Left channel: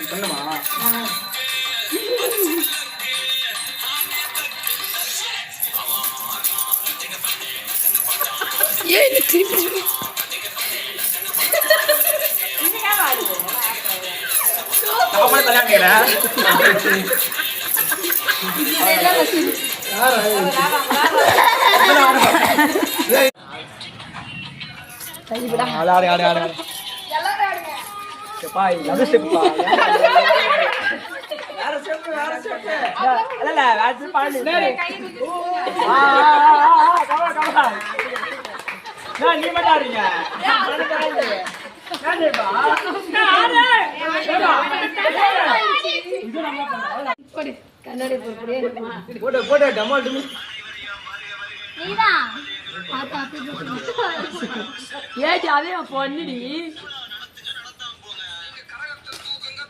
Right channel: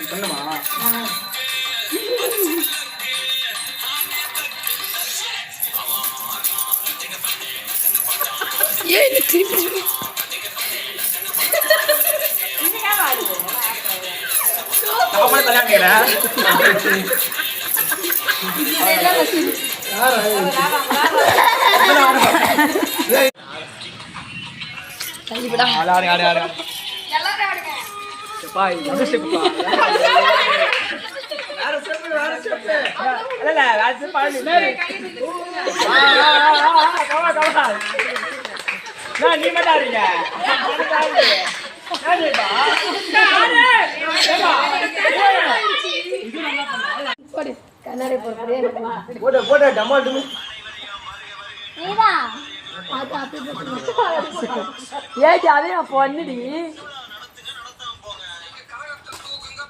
பண்ணுமா ஏன் திருப்பி சாப்பாடு தனியா ஏடி அதே பொண்ணுடி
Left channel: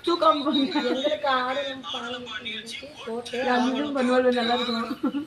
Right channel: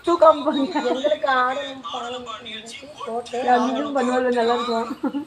தூக்கம் பண்ணுவாள் நல்லா இருக்கும்.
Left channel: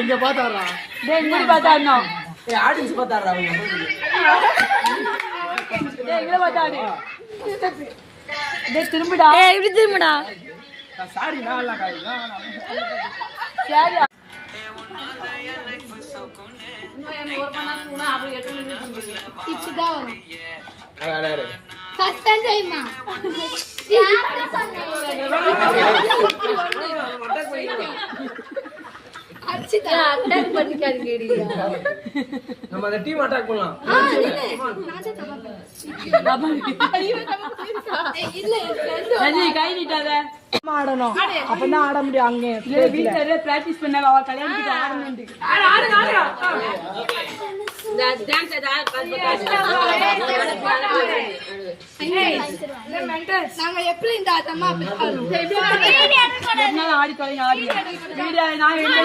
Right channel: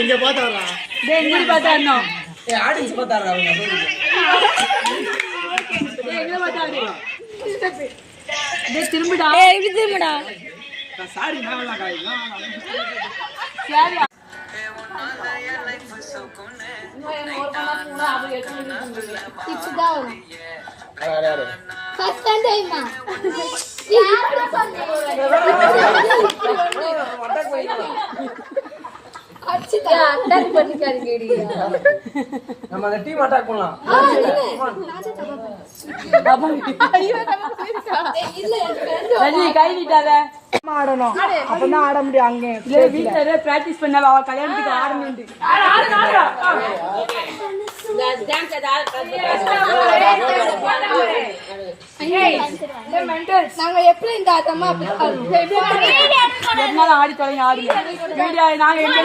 இங்க பாத்தாரா ஆடியன்ஸ் பாத்தாரா திரும்பிடா இப்படி திரும்பிடா சாரி நான் சரி நம்ம அந்த டீம் அட்டாக் பண்ணலாம். கை நீட்டாத ஆடணும் அப்பதான் ஆட முடியும். அங்க வீட்டுல பிராக்டிஸ் பண்ண அவ கல்யாணத்துக்கு ஆடணும். ஆடி தொடங்கி ஆடி நாங்க எங்க